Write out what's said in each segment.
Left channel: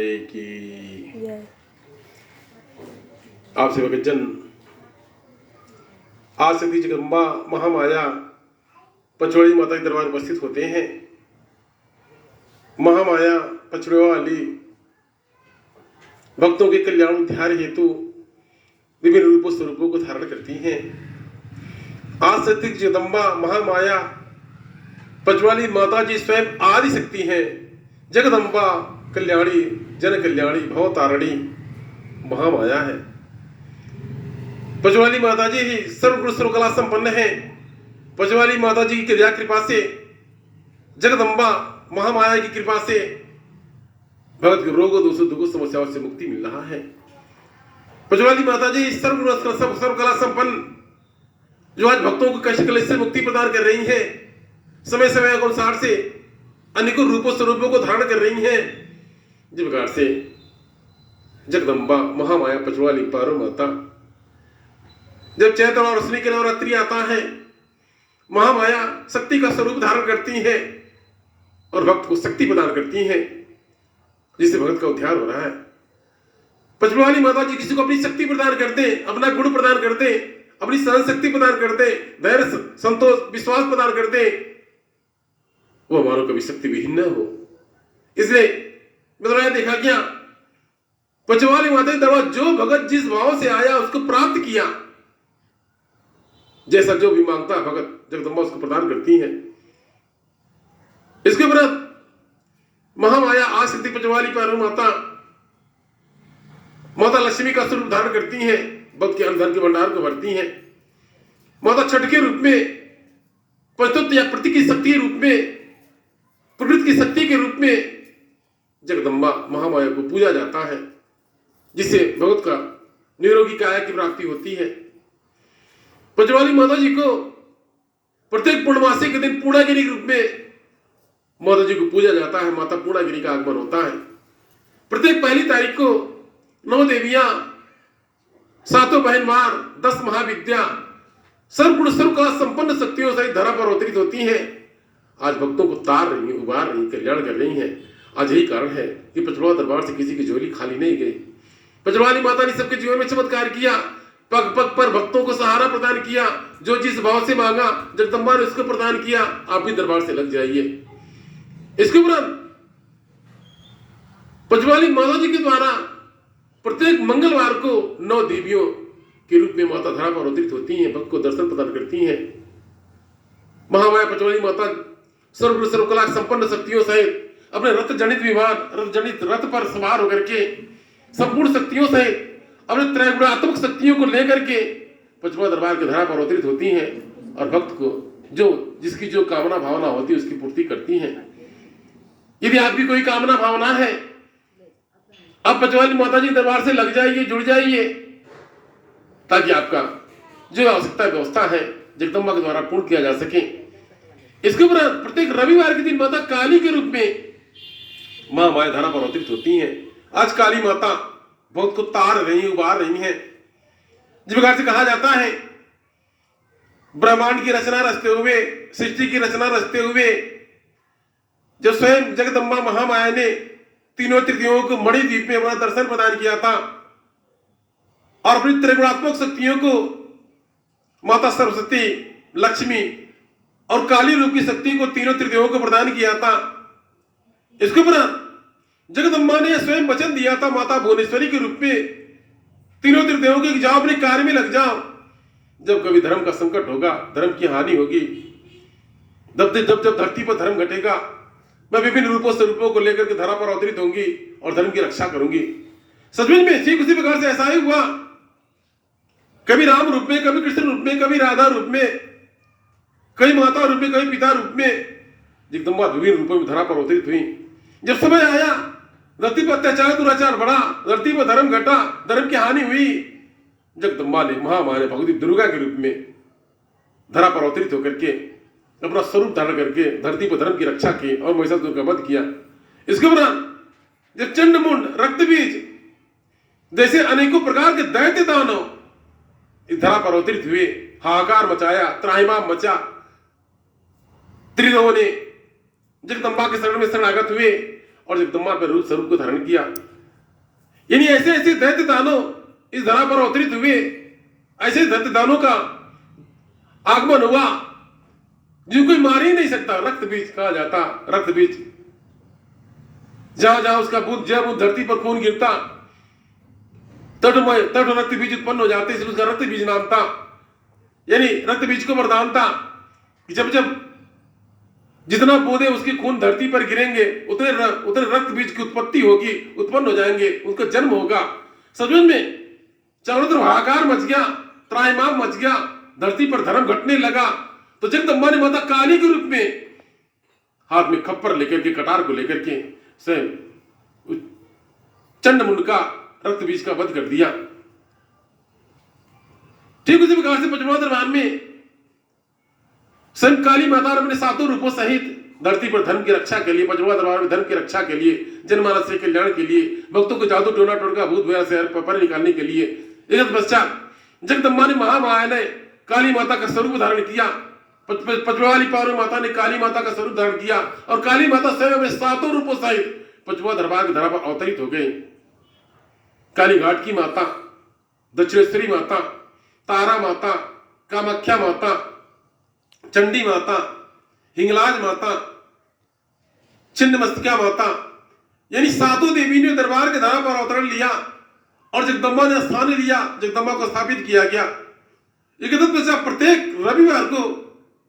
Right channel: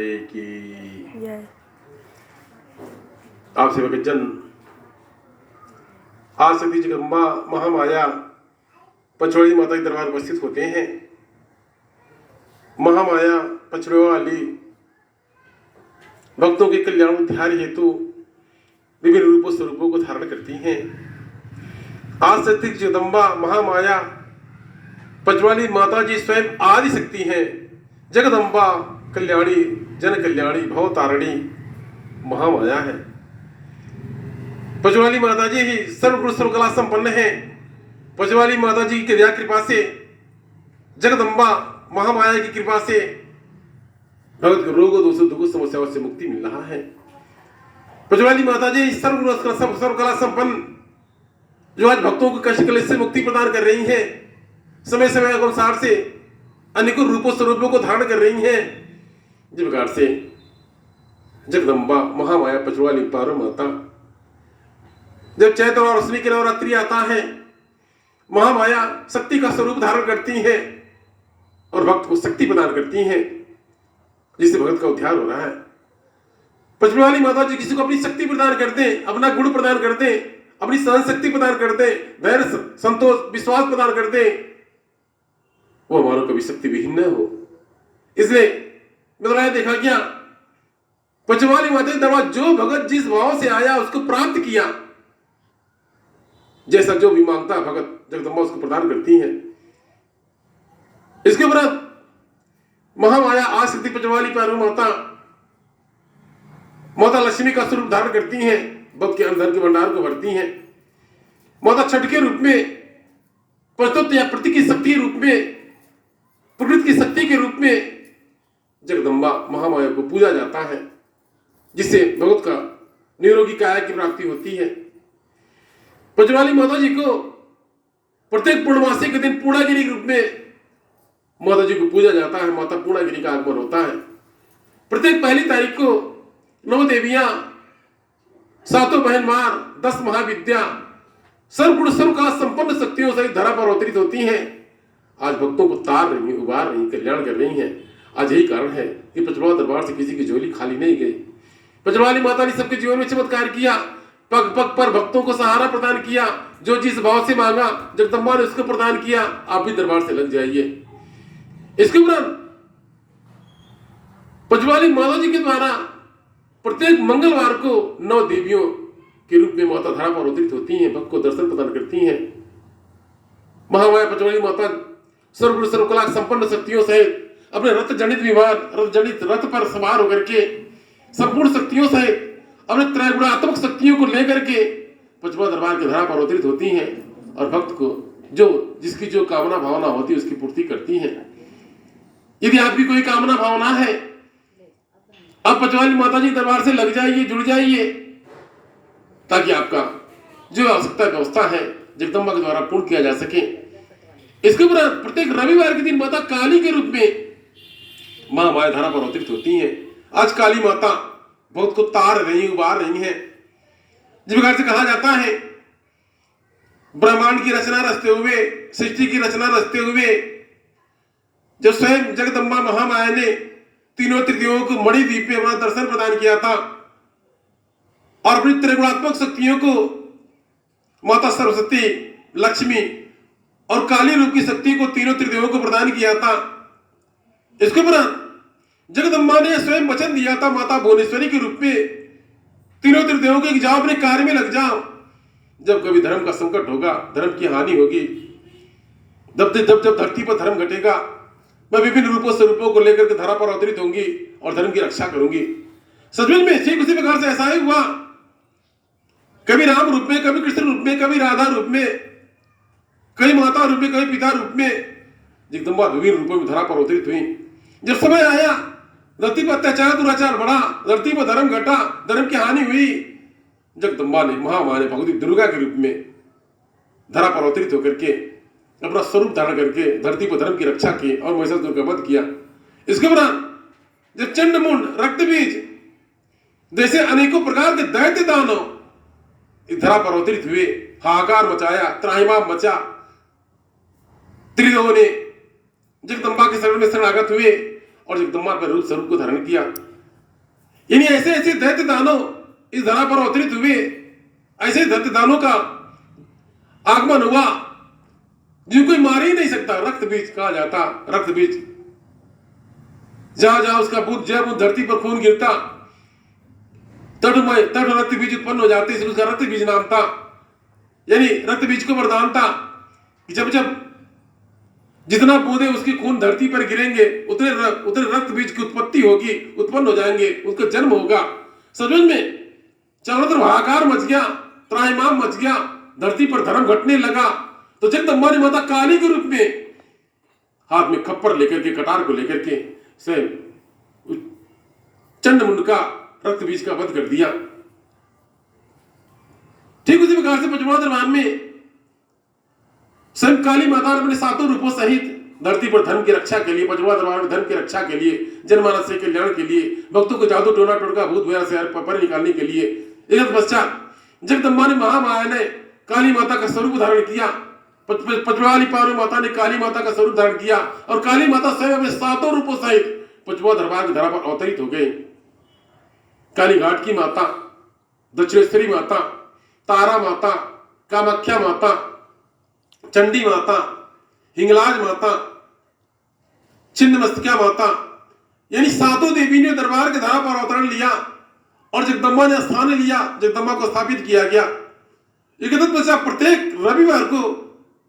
महामाये की जय। आप सेवकजन, आज सती जगदम्बा महामाया पचवड़ी माता के दरबार उपस्थित होते हैं। महामाया पचड़ों वाली भक्तों के कल्याण उद्धार हेतु विभिन्न रूपों स्वरूपों को धारण करती हैं। आज सती जगदम्बा महामाया पचवाली माता जी स्वयं आदि शक्ति हैं। जगदम्बा कल्याणी, जन कल्याणी, भवतारिणी महामाया है। पचवाली माता जी ही सर्वगुण सर्वकला संपन्न है। पचवाली माता जी की दया कृपा से, जगदम्बा महामाया की कृपा से भगत के रोगों दोषों दुखों समस्याओं से मुक्ति मिल रहा है। पचवाली माता जी सर्वगुण सर्वकला संपन्न, जो आज भक्तों को कष्ट क्लेश से मुक्ति प्रदान कर रही है, समय समय के अनुसार से अनेकों रूपों स्वरूपों को धारण कर रही हैं। जिस प्रकार से जगदम्बा महामाया पचवाली पारो माता, जब चैत्र और अश्विनी के नवरात्रि आता है, महामाया शक्ति का स्वरूप धारण करती है और भक्त को शक्ति प्रदान करती है, जिससे भक्त का उद्धार हो रहा है। पचवाली माता जी किसी को अपनी शक्ति प्रदान करते हैं, अपना गुण प्रदान करते हैं, अपनी सहन शक्ति प्रदान करते हैं, धैर्य संतोष विश्वास प्रदान करते हैं, वो हमारा कभी शक्ति विहीन न हो। इसलिए मतलब देखा गया, पचवाली माता के दरबार जो भगत जिस भाव से आया उसको प्राप्त किया, जैसा जो भी मांगता भगत जगदम्बा उसको प्रदान करती है। इसके उपरांत महामाया आशक्ति पचवाली पारो माता, माता लक्ष्मी का स्वरूप धारण करती हैं, भक्त के अंदर के भंडार को भरती हैं। माता छठ के रूप में, पशुत्व या प्रति की शक्ति के रूप में, प्रकृति की शक्ति के रूप में जगदम्बा महामाया को पूजा जाता है, जिससे भगत का निरोगी काया की प्राप्ति होती है। पचवाली माता जी को प्रत्येक पूर्णमासी के दिन पूर्णागिरी के रूप में माता जी को पूजा जाता है। माता पूर्णागिरी का आगमन होता है। प्रत्येक पहली तारीख को 9 देवियां, 7 बहन मार, 10 महाविद्या, सर्वगुण सर्वकला संपन्न शक्तियों सहित धरा पर अवतरित होती हैं। आज भक्तों को तार रही, उबार रही, कल्याण कर रही हैं। आज यही कारण है कि पचड़वा दरबार से किसी की झोली खाली नहीं गई। पचवाली माता ने सबके जीवन में चमत्कार किया, पग पग पर भक्तों को सहारा प्रदान किया। जो जिस भाव से मांगा जगदम्बा ने उसको प्रदान किया। आप भी दरबार से लग जाइए। इसके उपरांत पचवाली माता जी के द्वारा प्रत्येक मंगलवार को 9 देवियों के रूप में माता धरा पर अवतरित होती हैं, भक्त को दर्शन प्रदान करती हैं। महामाया पचवाली माता सर्वगुण सर्वकला संपन्न शक्तियों सहित अपने रथ जनित विमान, रथ जनित रथ पर सवार होकर के संपूर्ण शक्तियों सहित अपने त्रैगुणात्मक शक्तियों को लेकर के पचवा दरबार के धरा पर अवतरित होती हैं और भक्त को जो जिसकी जो कामना भावना होती है उसकी पूर्ति करती हैं। यदि आपकी कोई कामना भावना है, आप पचवाली माता जी दरबार से लग जाइए, जुड़ जाइए, ताकि आपका जो आवश्यकता व्यवस्था है जगदम्बा के द्वारा पूर्ण किया जा सके। इसके उपरांत प्रत्येक रविवार के दिन माता काली के रूप में महामाया धरा पर अवतरित होती हैं। आज काली माता बहुत को तार रही, उबार रही है। जिस प्रकार से कहा जाता है, ब्रह्मांड की रचना रचते हुए, सृष्टि की रचना रचते हुए जब स्वयं जगदम्बा महामाया ने तीनों तृतीयों को मणिद्वीप में अपना दर्शन प्रदान किया था और अपनी त्रिगुणात्मक शक्तियों को माता सरस्वती, लक्ष्मी और काली रूप की शक्ति को तीनों तृतीयों को प्रदान किया था। इसके उपरांत जगदम्बा ने स्वयं वचन दिया था माता भुवनेश्वरी के रूप में, तीनों तृतीयों को जाओ, अपने कार्य में लग जाओ। जब कभी धर्म का संकट होगा, धर्म की हानि होगी, जब धरती पर धर्म घटेगा, मैं विभिन्न रूपों स्वरूपों को लेकर के धरा पर अवतरित होंगी और धर्म की रक्षा करूंगी। सचमुच में ठीक उसी प्रकार से ऐसा ही हुआ। कभी राम रूप में, कभी कृष्ण रूप में, कभी राधा रूप में, कभी माता रूप में, कभी पिता रूप में जगदम्बा विभिन्न रूपों में धरा पर अवतरित हुई। जब समय आया, धरती पर अत्याचार दुराचार बढ़ा, धरती पर धर्म घटा, धर्म की हानि हुई, जगदम्बा ने, महामाया ने भगवती दुर्गा के रूप में धरा पर अवतरित होकर के अपना स्वरूप धारण करके धरती पर धर्म की रक्षा की और महिषासुर का वध किया। इसके उपरांत जब चंडमुंड, रक्तबीज जैसे अनेकों प्रकार के दैत्य दानव इस धरा पर अवतरित हुए, हाहाकार मचाया, त्राहिमाम मचा, त्रिलोक ने जगदम्बा के शरण में शरणागत हुए और जगदम्बा पर रूप स्वरूप को धारण किया। यानी ऐसे ऐसे दैत्य दानव इस धरा पर अवतरित हुए, ऐसे दैत्य दानों का आगमन हुआ जिनको कोई मार ही नहीं सकता। रक्त बीज कहा जाता, रक्त बीज, जहां जहां उसका बूंद, जब उस धरती पर खून गिरता तट रक्त बीज उत्पन्न हो जाते, इसलिए उसका रक्त बीज नाम था। यानी रक्त बीज को वरदान था कि जब जब जितना बूंदे उसके खून धरती पर गिरेंगे उतने रक्त बीज की उत्पत्ति होगी, उत्पन्न हो जाएंगे, उनका जन्म होगा। सचमुच में चारों तरफ हाहाकार मच गया, त्राहिमाम मच गया, धरती पर धर्म घटने लगा। तो जगदम्बा ने माता काली के रूप में हाथ में खप्पर लेकर के, कटार को लेकर के स्वयं चंडमुंड का रक्त बीज का वध कर दिया। ठीक उसी प्रकार से पंचमोह दरबार में स्वयं काली माता अपने सातों रूपों सहित धरती पर धर्म की रक्षा के लिए, पंचमोह दरबार में धर्म की रक्षा के लिए, जनमानस के कल्याण के लिए, भक्तों को जादू टोना टोटका भूत वगैरह से पर निकालने के लिए एक पश्चात जगदम्बा ने महामाया ने काली माता का स्वरूप धारण किया। पंचवाली पार्वती माता ने काली माता का स्वरूप धारण किया और काली माता स्वयं अपने सातों रूपों सहित पंचमोह दरबार की धरा पर अवतरित हो गए। काली घाट की माता, दक्षिणेश्वरी माता, तारा माता, कामाख्या माता, चंडी माता, हिंगलाज माता, छिन्नमस्तका माता, यानी सातों देवी ने दरबार के धरा पर अवतरण लिया और जगदम्बा ने स्थान लिया, जगदम्बा को स्थापित किया गया। प्रत्येक रविवार को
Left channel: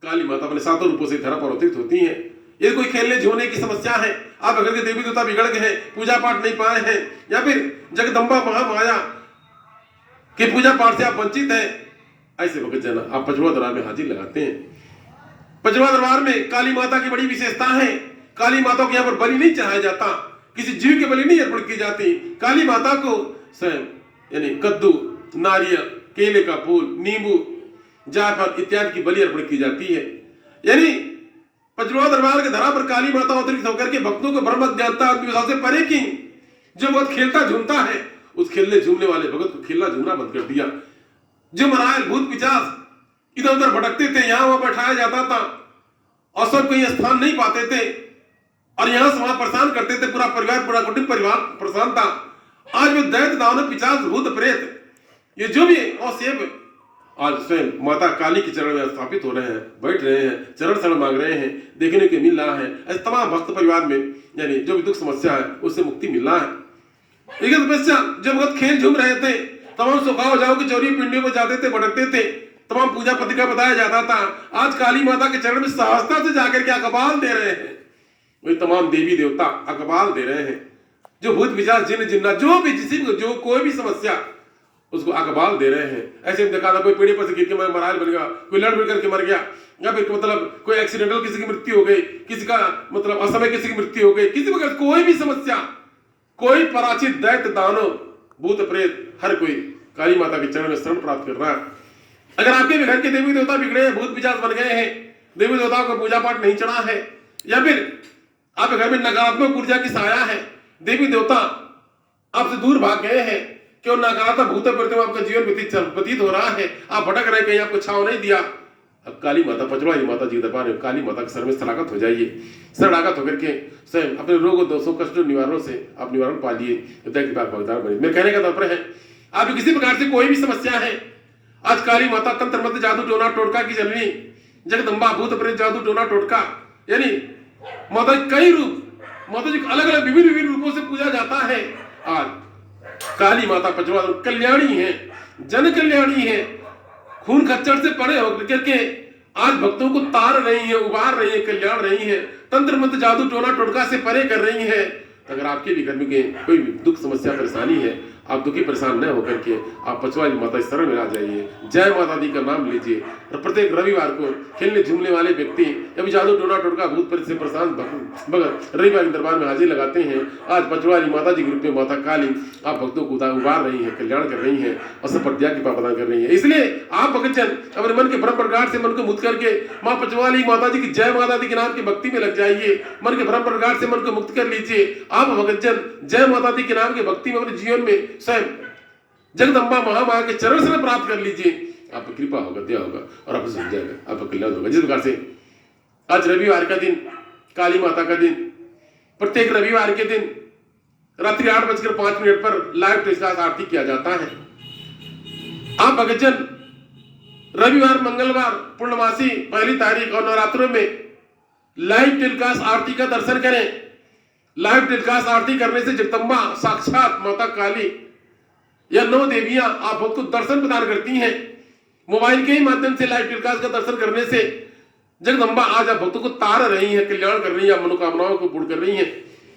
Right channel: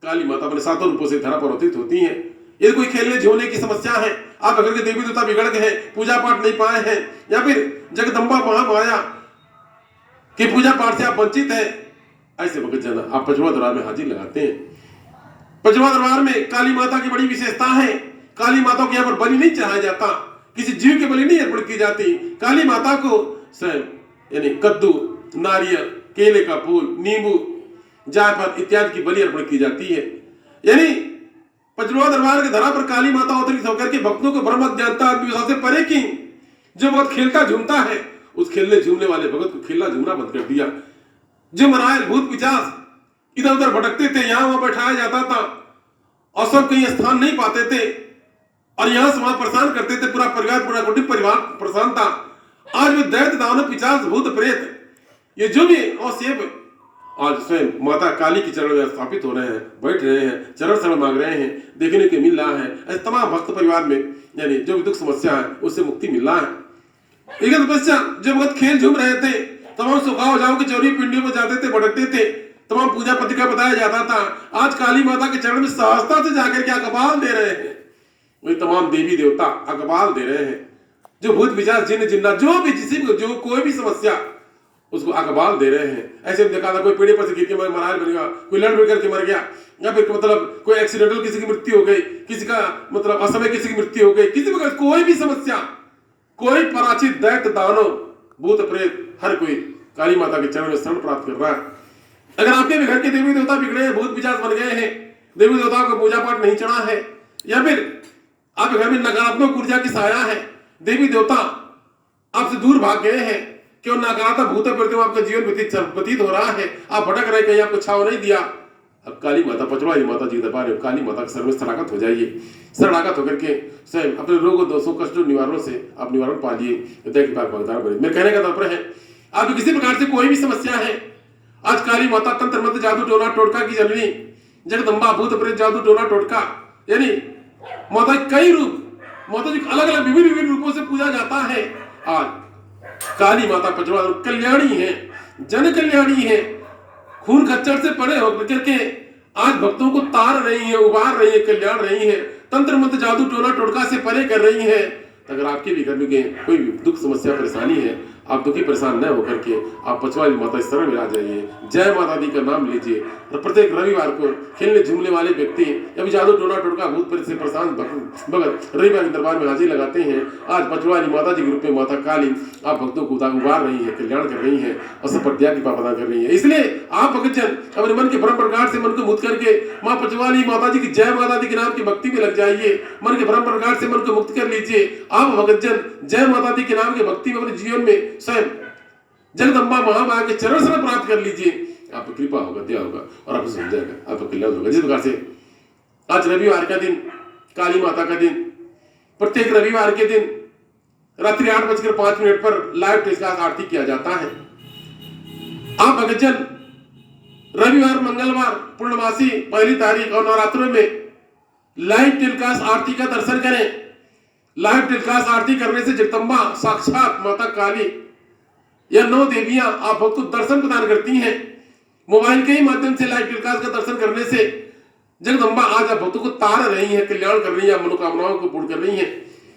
काली माता अपने सातों रूपों से धरा पर अवतरित होती है। यदि कोई खेलने झोलने की समस्या है, आप अगर के देवी देवता बिगड़ गए हैं, पूजा पाठ नहीं पाए हैं, या फिर जगदम्बा महामाया के पूजा पाठ से आप वंचित हैं, ऐसे वक्त जाना आप पंचमोह दरबार में हाजिर लगाते हैं। पंचमोह दरबार में काली माता की बड़ी विशेषता है। काली माता को यहाँ पर बलि नहीं चढ़ाया जाता, किसी जीव के बलि नहीं अर्पण की जाती। काली माता को स्वयं यानी कद्दू, नारियल, केले का फूल, नींबू, जायफल इत्यादि की बलि अर्पण की जाती है। यानी पंचमोह दरबार के धरा पर काली माता अवतरित होकर के भक्तों को ब्रह्म ज्ञानता अंधविश्वास से परे की। जो भक्त खेलता झूमता है, उस खेलने झूमने वाले भगत को खेलना झूमना बंद कर दिया। जो मरायल भूत पिशाच इधर उधर भटकते थे, यहां वहां बैठाया जाता था और सब कहीं स्थान नहीं पाते थे और यहां से वहां परेशान करते थे। पूरा परिवार, पूरा कुटुंब परिवार परेशान था। आज वो दैत्य दानव पिशाच भूत प्रेत ये जो भी अवसेब आज स्वयं माता काली के चरण में स्थापित हो रहे हैं, बैठ रहे हैं, चरण शरण मांग रहे हैं, देखने के मिल रहा है। ऐसे तमाम भक्त परिवार में यानी जो भी दुख समस्या है उससे मुक्ति मिल रहा है। लेकिन पश्चात जब भक्त खेल झूम रहे थे, तमाम सुखाव जाओ के चौरी पिंडियों में जाते थे, भटकते थे, तमाम पूजा पत्रिका बताया जाता था। आज काली माता के चरण में सहजता से जाकर के अकबाल दे रहे हैं। वही तमाम देवी देवता अकबाल दे रहे हैं। जो भूत पिशाच जिन्न जिन्ना जो भी जो कोई भी समस्या उसको अकबाल दे रहे हैं। ऐसे में देखा था कोई पेड़ पर से गिर के मराल बन गया, कोई लड़ बढ़ करके मर गया, या फिर मतलब कोई एक्सीडेंटल किसी की मृत्यु हो गई, किसी का मतलब असमय किसी की मृत्यु हो गई, किसी प्रकार कोई भी समस्या, कोई पराचित दैत्य दानव भूत प्रेत हर कोई काली माता के चरण में शरण प्राप्त कर रहा है। अगर आपके भी घर के देवी देवता बिगड़े हैं, भूत पिशाच बन गए हैं, देवी देवताओं का पूजा पाठ नहीं चढ़ा है, या फिर आपके घर में नकारात्मक ऊर्जा की साया है, देवी देवता आपसे दूर भाग गए हैं, क्यों नकारात्मक भूत प्रति आपका जीवन व्यतीत हो रहा है, आप भटक रहे, कहीं आपको छाव नहीं दिया, अब काली माता पंचमढ़ी माता जी दरबार में काली माता के सर में शरणागत हो जाइए। शरणागत होकर के स्वयं अपने रोगों दोषों कष्टों निवारणों से आप निवारण पा लिए, भागीदार बने। मेरे कहने का तात्पर्य है आपको किसी प्रकार से कोई भी समस्या है, आज काली माता तंत्र मंत्र जादू टोना टोटका की जननी जगदम्बा भूत प्रेत जादू टोना टोटका यानी माता कई रूप, माता जी अलग अलग विभिन्न रूपों से पूजा जाता है। आज काली माता पंचमढ़ी कल्याणी है, जन कल्याणी है, खून खच्चर से परे होकर के आज भक्तों को तार रही है, उबार रही है, कल्याण रही है, तंत्र मंत्र जादू टोना टोटका से परे कर रही है। अगर आपके भी घर में कोई दुख समस्या परेशानी है, आप दुखी परेशान न होकर के आप पंचमढ़ी माता शरण में आ जाइए, जय माता दी का नाम लीजिए और प्रत्येक रविवार को खेलने झूमने वाले व्यक्ति अभी जादू टोना टोटका भूत प्रेत से परेशान भगत रविवार के दरबार में हाजिर लगाते हैं। आज पंचमढ़ी माता जी के रूप में माता काली आप भक्तों को उबार रही है, कल्याण कर रही है और सब पर दया कृपा प्रदान कर रही है। इसलिए आप भक्तजन अपने मन के भ्रम प्रकार से मन को मुक्त करके माँ पंचमढ़ी माता जी की जय माता दी के नाम की भक्ति में लग जाइए। मन के भ्रम प्रकार से मन को मुक्त कर लीजिए। आप भक्तजन जय माता दी के नाम की भक्ति में अपने जीवन में स्वयं जगदम्बा महामाया के चरण से प्राप्त कर लीजिए। आपकी कृपा होगा, दया होगा और आपको सुन जाएगा, आपका कल्याण होगा। जिस प्रकार से आज रविवार का दिन, काली माता का दिन, प्रत्येक रविवार के दिन रात्रि 8:05 पर लाइव टेलीकास्ट आरती किया जाता है। आप भक्तजन रविवार, मंगलवार, पूर्णमासी, पहली तारीख और नवरात्रों में लाइव टेलीकास्ट आरती का दर्शन करें। लाइव टेलीकास्ट आरती करने से जगदम्बा साक्षात माता काली या 9 देवियां आप भक्त को दर्शन प्रदान करती हैं। मोबाइल के ही माध्यम से लाइव टेलीकास्ट का दर्शन करने से जगदम्बा आज आप भक्तों को तार रही है, कल्याण कर रही है, मनोकामनाओं को पूर्ण कर रही है।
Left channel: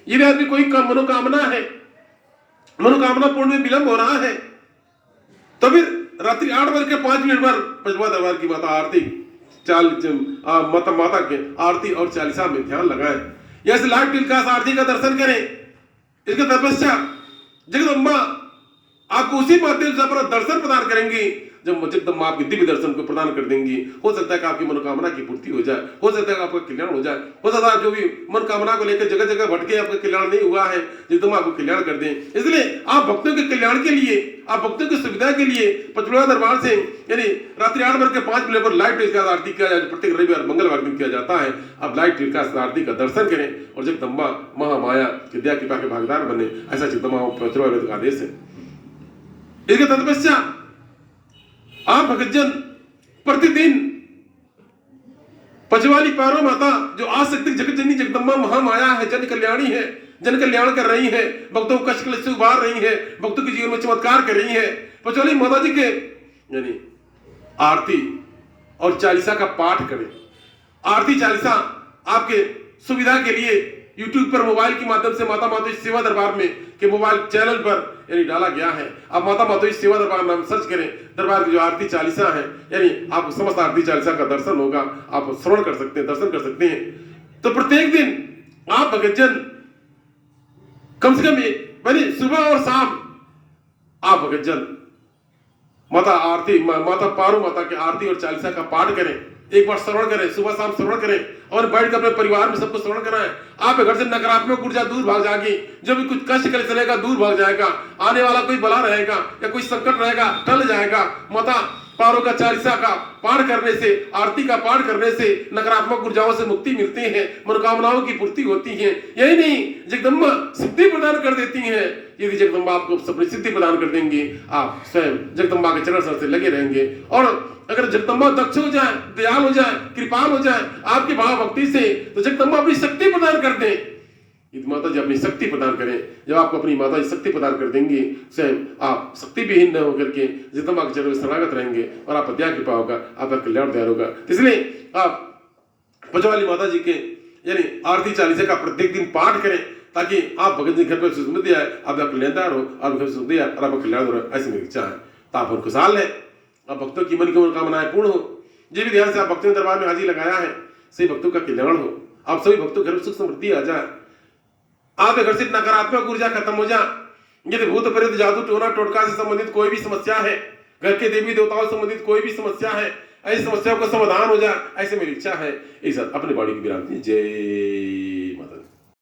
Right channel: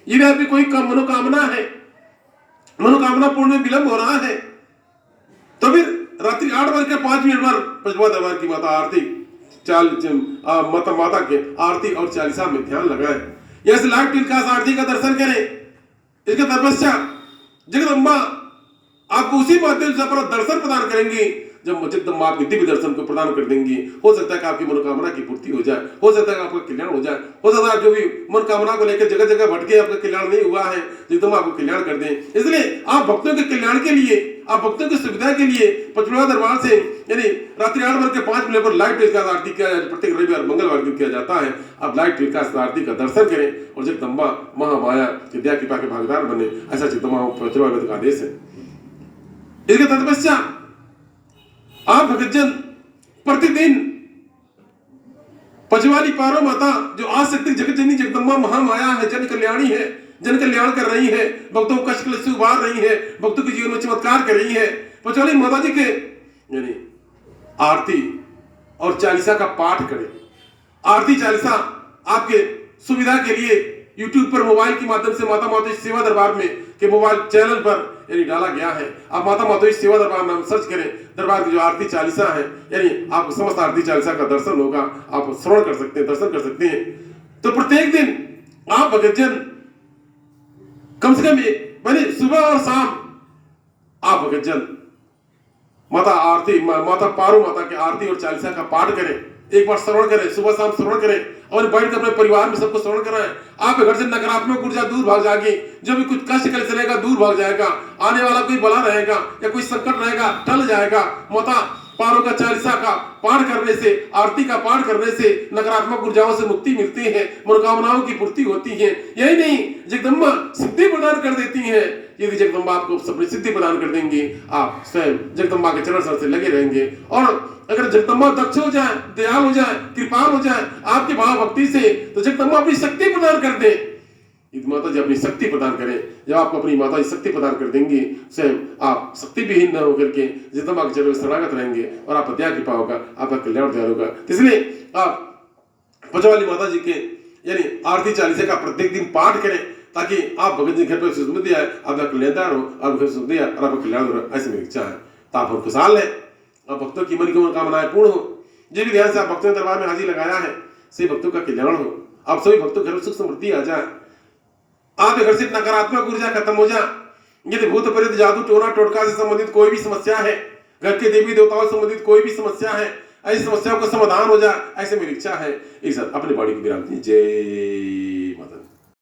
यदि आपकी कोई कम मनोकामना है, मनोकामना पूर्ण में विलंब हो रहा है, तो फिर रात्रि 8:05 पर पंचवा दरबार की माता आरती माता के आरती और चालीसा में ध्यान लगाएं। यह लाइव टेलीकास्ट आरती का दर्शन करें। इसके तपस्या जगदम्बा आपको उसी माध्यम से अपना दर्शन प्रदान करेंगी जब जगदम्बा आपके दिव्य दर्शन को प्रदान कर देंगी। हो सकता है कि आपकी मनोकामना की पूर्ति हो जाए, हो सकता है कि आपका कल्याण हो जाए, हो सकता है जो भी मनोकामना को लेकर जगह जगह भटके आपका कल्याण नहीं हुआ है, जगदम्बा आपको कल्याण कर दें। इसलिए आप भक्तों के कल्याण के लिए, आप भक्तों की सुविधा के लिए पचमढ़ा दरबार से यानी रात्रि 8:05 पर लाइव टेलीकास्ट आरती किया जाए, प्रत्येक रविवार मंगलवार दिन किया जाता है। आप लाइव टेलीकास्ट आरती का दर्शन करें और जगदम्बा महामाया की दया कृपा के भागीदार बने, ऐसा जगदम्बा पचमढ़ा का आदेश है। इसके तत्पश्चात आप भक्तजन प्रतिदिन पचवाली पारो माता जो आसक्ति जगत जननी जगदम्बा महामाया है, जन कल्याणी है, जन कल्याण कर रही है, भक्तों को कष्ट से उबार रही है, भक्तों के जीवन में चमत्कार कर रही है। पचवाली माता जी के यानी आरती और चालीसा का पाठ करें। आरती चालीसा आपके सुविधा के लिए YouTube पर मोबाइल के माध्यम से माता माधोरी सेवा दरबार में के मोबाइल चैनल पर यानी डाला गया है। आप माता माधोरी सेवा दरबार नाम सर्च करें, दरबार की जो आरती चालीसा है यानी आपको समस्त आरती चालीसा का दर्शन होगा, आप श्रवण कर सकते हैं, दर्शन कर सकते हैं। तो प्रत्येक दिन आप भक्तजन कम से कम यानी सुबह और शाम आप भक्तजन माता आरती माता पारो माता की आरती और चालीसा का पाठ करें। एक बार श्रवण करें, सुबह शाम श्रवण करें और बैठ कर अपने परिवार में सबको श्रवण कराएं। आपके घर से नकारात्मक ऊर्जा दूर भाग जाएगी, जो भी कुछ कष्ट कर चलेगा दूर भाग जाएगा, आने वाला कोई बला रहेगा या कोई संकट रहेगा टल जाएगा। माता पारो का चालीसा का पाठ करने से, आरती का पाठ करने से नकारात्मक ऊर्जाओं से मुक्ति मिलती है, मनोकामनाओं की पूर्ति होती है। यही नहीं, जगदम्बा सिद्धि प्रदान कर देती है। यदि जगदम्बा आपको अपनी सिद्धि प्रदान कर देंगे, आप स्वयं जगदम्बा के चरण सर से लगे रहेंगे। और अगर जगदम्बा दक्ष हो जाए, दयाल हो जाए, कृपाल हो जाए आपके भाव भक्ति से, तो जगदम्बा अपनी शक्ति प्रदान कर दे। माता जी अपनी शक्ति प्रदान करें। जब आपको अपनी माता जी शक्ति प्रदान कर देंगी, स्वयं आप शक्ति विहीन न होकर के जगदम्बा के चरणों में शरणागत रहेंगे और आप दया कृपा होगा, आपका कल्याण दयाल होगा। इसलिए आप पचवाली माता जी के यानी आरती चालीसा का प्रत्येक दिन पाठ करें, ताकि आप भगत जी घर पर समृद्धि आए, आपका कल्याणदार हो, आपका समृद्धि आए और आपका कल्याण हो, ऐसी मेरी इच्छा है। तो आप खुशहाल है, अब भक्तों की मन की मनोकामनाएं पूर्ण हो। ये भी ध्यान से आप भक्तों के दरबार में हाजिर लगाया है, सभी भक्तों का कल्याण हो, आप सभी भक्तों के घर में सुख समृद्धि आ जाए, आपके घर से नकारात्मक ऊर्जा खत्म हो जाए। यदि भूत प्रेत जादू टोना टोटका से संबंधित कोई भी समस्या है, घर के देवी देवताओं से संबंधित कोई भी समस्या है, ऐसी समस्याओं का समाधान हो जाए, ऐसे मेरी इच्छा है। एक साथ अपनी बॉडी की विराम। जय माता।